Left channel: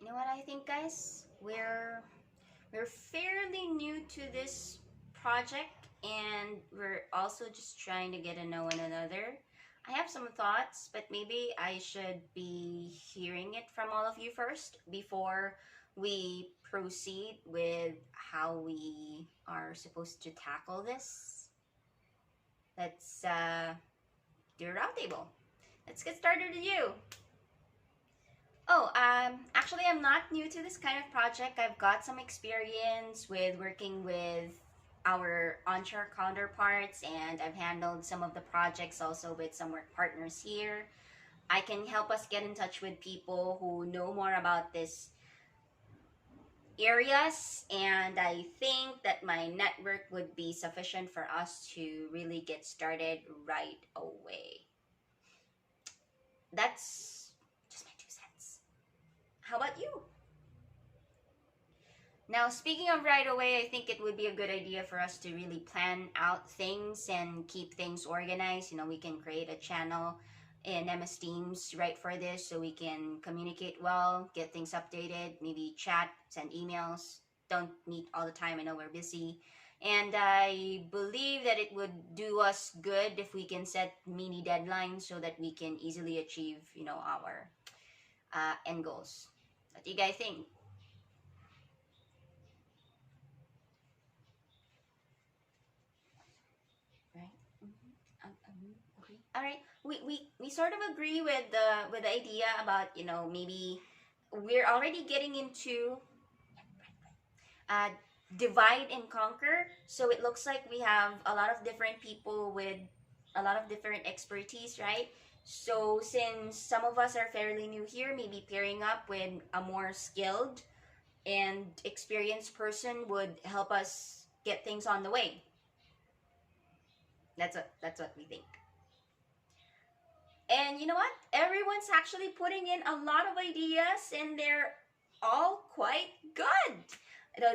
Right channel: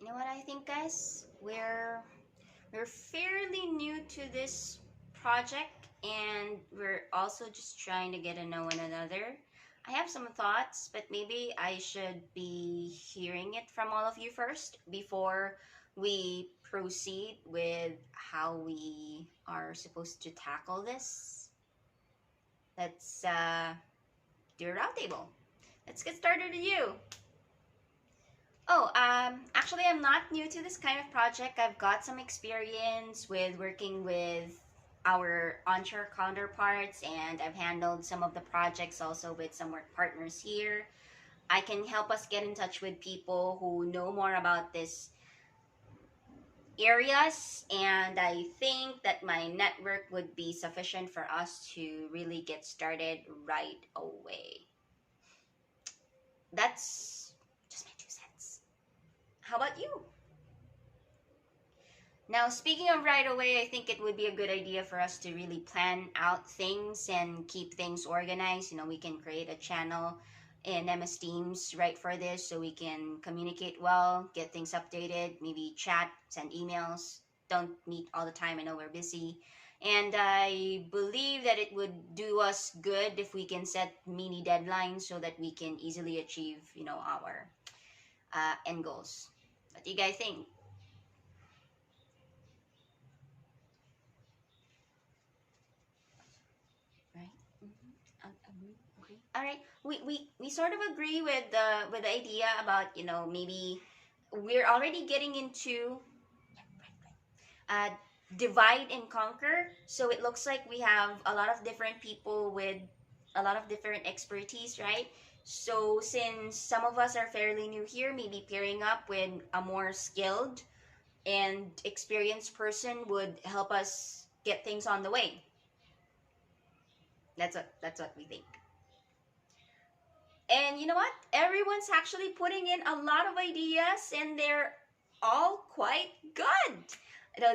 You know what I think, guys? We're fairly new to this project, and we're also just trying to get to know one another. I have some thoughts, but maybe I should be hearing it from all of you first before we proceed with how we are supposed to tackle this. Let's do a roundtable. Let's get started with you. Actually, I'm not new to this kind of project. I've got some experience with working with our onshore counterparts, and I've handled some of the projects also with some work partners here. I can help us get in touch with people who know more about this areas, and I think that my network would be sufficient for us to really get started right away. That's just my 2 cents. How about you? Now, speaking of right away, I think it would be a good idea for us to really plan out things and keep things organized. We can create a channel in MS Teams right for this so we can communicate well, get things updated, maybe chat, send emails. Don't meet all the time. I know we're busy. And I believe that it would do us good if we can set mini deadlines so that we can easily achieve, our end goals. What do you guys think? Right? Agree. All right. We sort of agree with the idea about maybe we're already getting into uh, divide and conquer. So it looks like we have a lot of different people with a lot of different expertise, right? So since some of us are fairly new here, maybe pairing up with a more skilled and experienced person would help us get things on the way. That's what we think. And you know what? Everyone's actually putting in a lot of ideas and they're all quite good.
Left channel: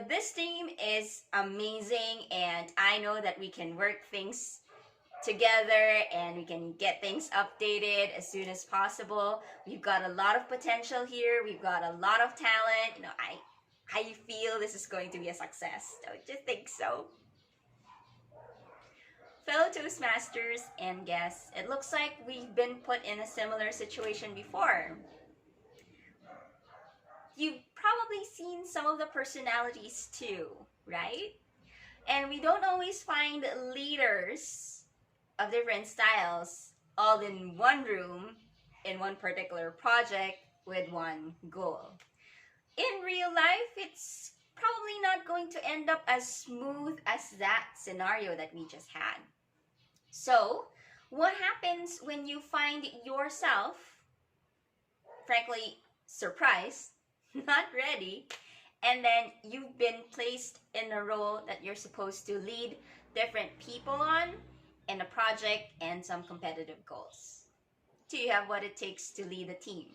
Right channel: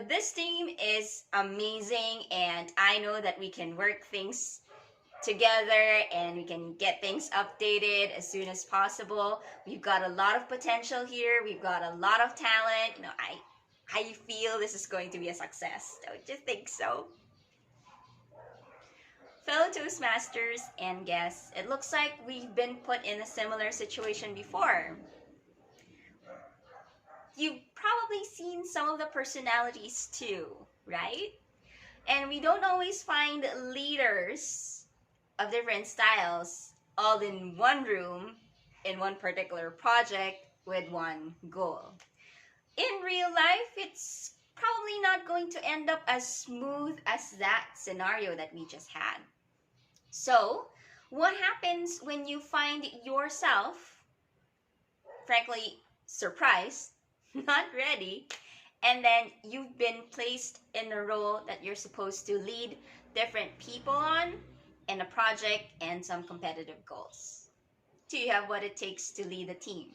This team is amazing, and I know that we can work things together and we can get things updated as soon as possible. We've got a lot of potential here. We've got a lot of talent. I feel this is going to be a success. Don't you think so? Fellow Toastmasters and guests, it looks like we've been put in a similar situation before. You've probably seen some of the personalities too, right? And we don't always find leaders of different styles all in one room in one particular project with one goal. In real life, it's probably not going to end up as smooth as that scenario that we just had. So, what happens when you find yourself, frankly, surprised, not ready, and then you've been placed in a role that you're supposed to lead different people on in a project and some competitive goals? Do you have what it takes to lead a team?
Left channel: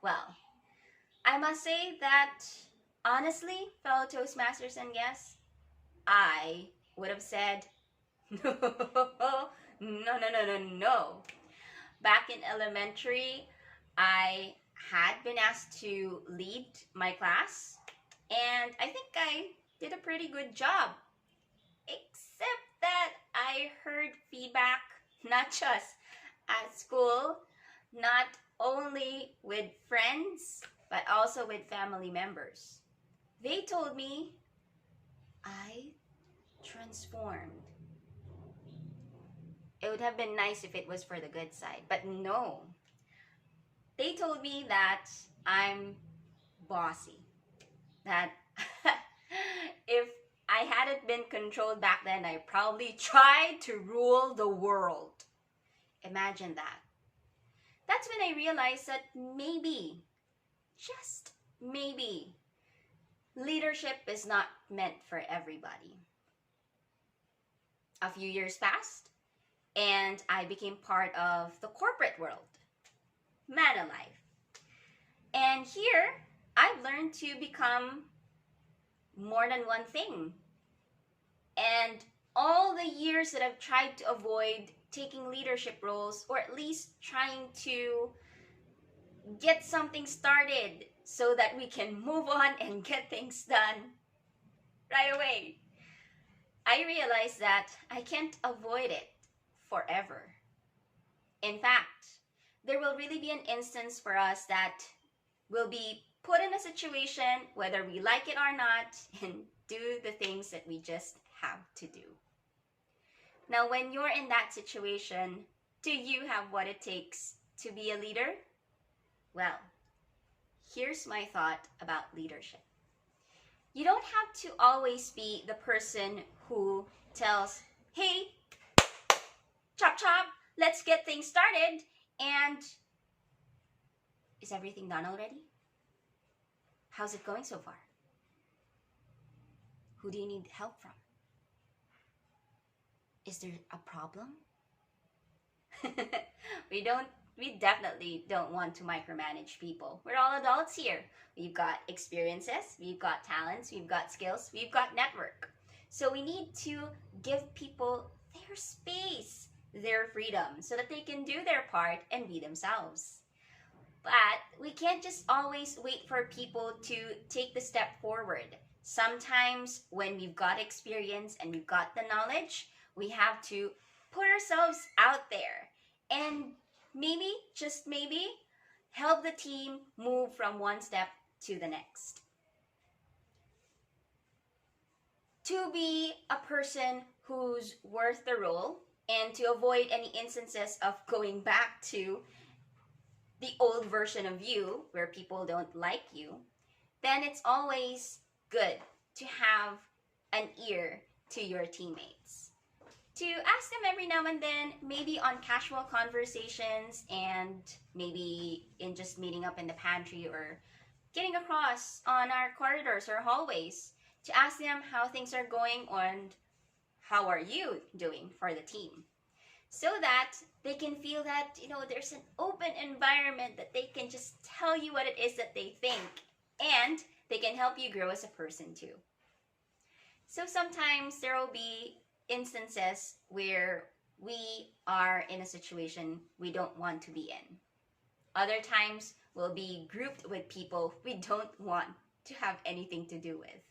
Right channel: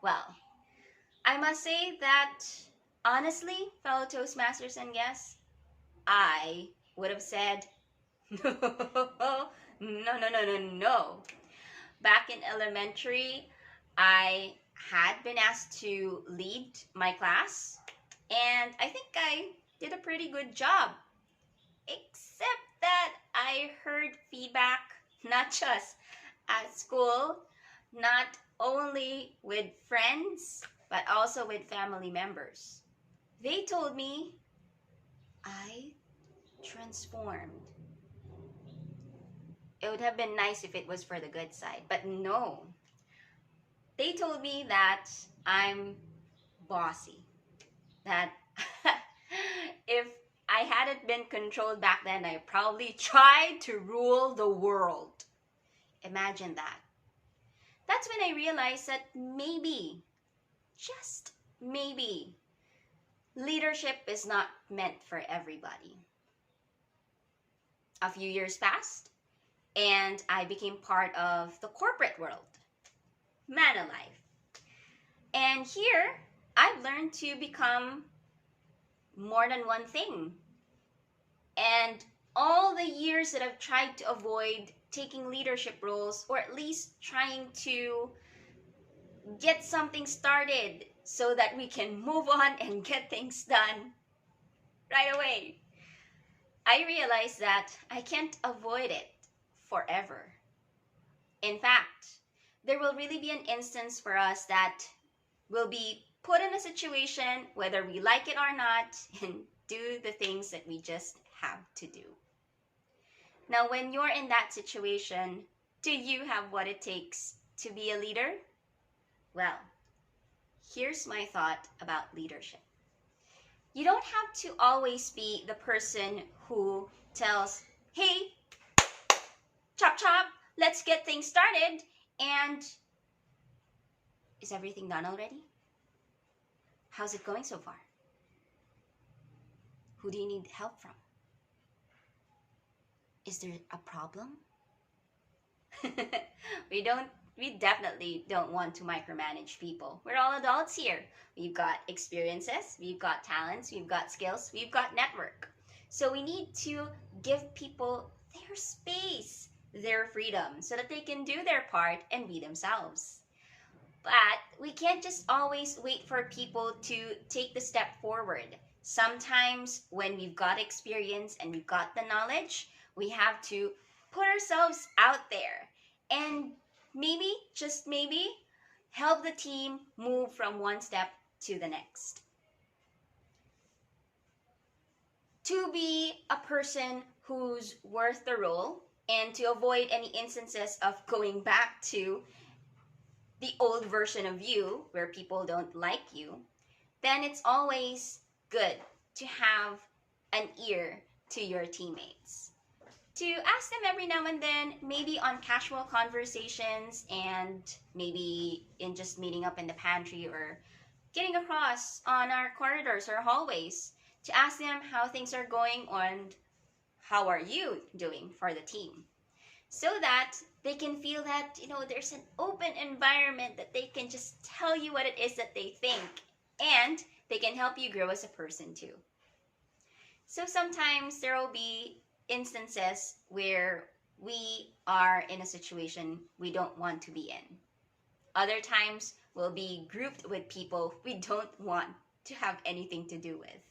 Well, I must say that honestly, fellow Toastmasters and guests, I would have said no, no. Back in elementary, I had been asked to lead my class, and I think I did a pretty good job. Except that I heard feedback not just at school, not only with friends, but also with family members. They told me I transformed. It would have been nice if it was for the good side, but no. They told me that I'm bossy. That if I hadn't been controlled back then, I probably tried to rule the world. Imagine that. That's when I realized that maybe, just maybe, leadership is not meant for everybody. A few years passed, and I became part of the corporate world, man alive. And here, I've learned to become more than one thing. And all the years that I've tried to avoid taking leadership roles, or at least trying to get something started so that we can move on and get things done right away. I realized that I can't avoid it forever. In fact, there will really be an instance for us that will be put in a situation, whether we like it or not, and do the things that we just have to do. Now, when you're in that situation, do you have what it takes to be a leader? Well, here's my thought about leadership. You don't have to always be the person who tells, hey, chop chop, let's get things started. And is everything done already? How's it going so far? Who do you need help from? Is there a problem? We definitely don't want to micromanage people. We're all adults here. We've got experiences, we've got talents, we've got skills, we've got network. So we need to give people their space, their freedom, so that they can do their part and be themselves. But we can't just always wait for people to take the step forward. Sometimes when we've got experience and we've got the knowledge, we have to put ourselves out there and maybe, just maybe, help the team move from one step to the next. To be a person who's worth the role and to avoid any instances of going back to the old version of you where people don't like you, then it's always good to have an ear to your teammates. To ask them every now and then, maybe on casual conversations and maybe in just meeting up in the pantry or getting across on our corridors or hallways, to ask them how things are going and how are you doing for the team, so that they can feel that, there's an open environment that they can just tell you what it is that they think, and they can help you grow as a person too. So sometimes there will be instances where we are in a situation we don't want to be in. Other times we'll be grouped with people we don't want to have anything to do with.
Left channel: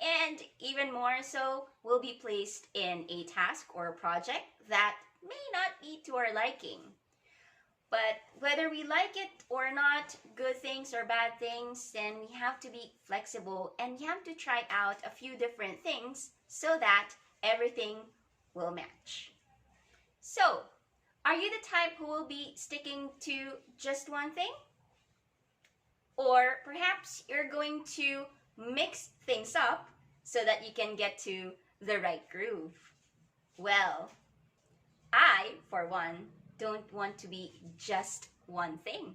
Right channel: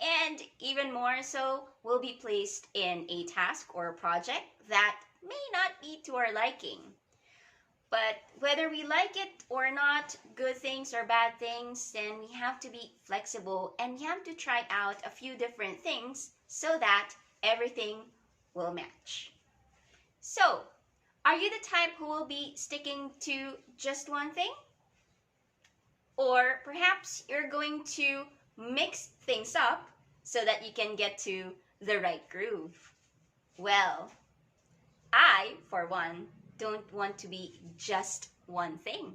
And even more so, we'll be placed in a task or a project that may not be to our liking. But whether we like it or not, good things or bad things, then we have to be flexible and we have to try out a few different things so that everything will match. So, are you the type who will be sticking to just one thing? Or perhaps you're going to mix things up so that you can get to the right groove? Well, I, for one, don't want to be just one thing.